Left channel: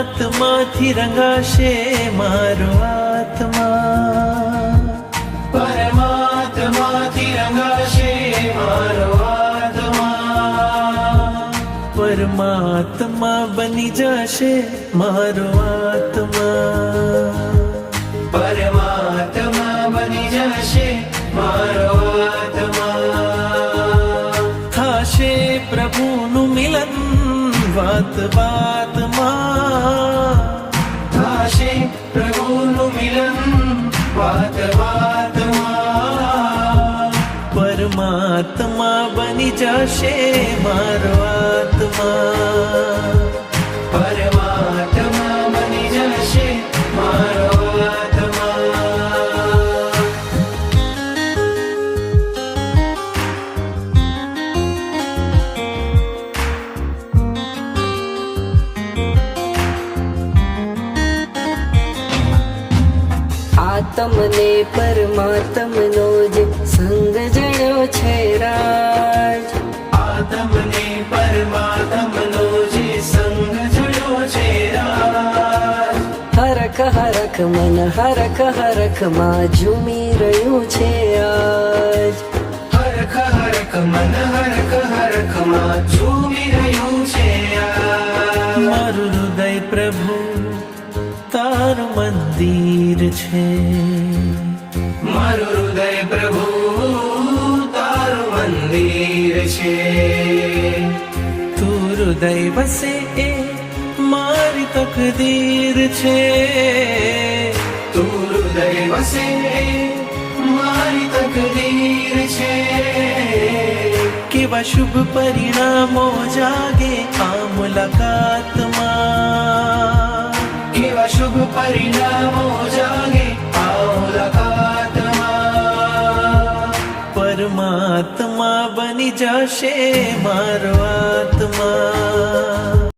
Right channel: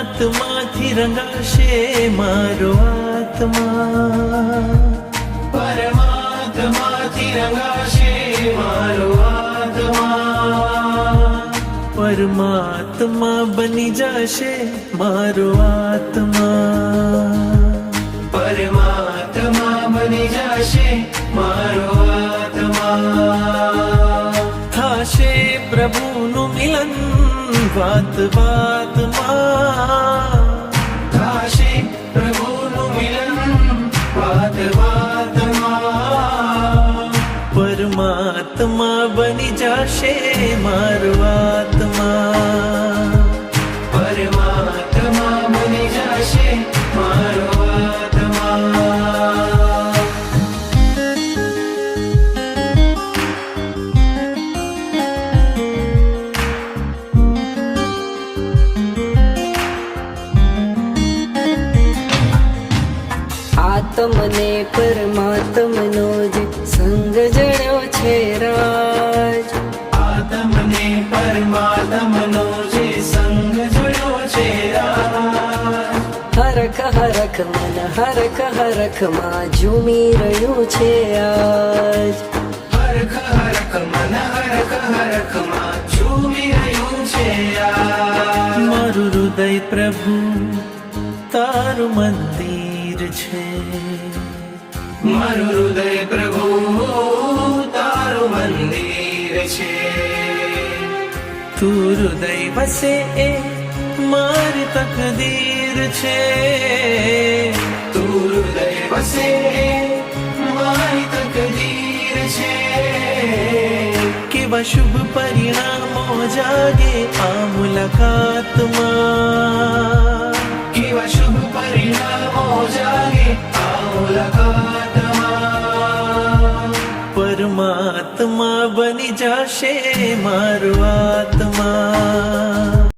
પરમાત્માથી રંગાશે મારો આત્મા, પરમાત્માથી રંગાશે મારો આત્મા, પરમાત્મા બની જશે મારો આત્મા, પરમાત્મા બની જશે મારો આત્મા. થાશે પ્રભુનું મિલન વાત વાતમાં, થાશે પ્રભુનું મિલન વાત વાતમાં, પરમાત્મા બની જશે મારો આત્મા, પરમાત્મા બની જશે મારો આત્મા. આત્મને પરમાત્મનો જે સંગ જડ્યો છે રાજ, આત્મને પરમાત્મનો જે સંગ જોડ્યો છે રાજ, હરખ હરખ મન હરખ હરખ માં ઝૂમી રહ્યું છે આજ, હરખ હરખ મન હરખ હરખ માં ઝૂમી રહ્યું છે આજ. મારું હૃદય પ્રભુ તારું મંદિર છે, મારું હૃદય પ્રભુ તારું મંદિર છે, તું હૃદય વસે એ મારી તકદીર છે, તું હૃદય વસે મારી તકદીર છે. કેવા શુભ પરિણામો જાગે આ મુલાકાતમાં, કેવા શુભ પરિણામો જાગે આ મુલાકાતમાં, પરમાત્મા બની જશે મારો આત્મા,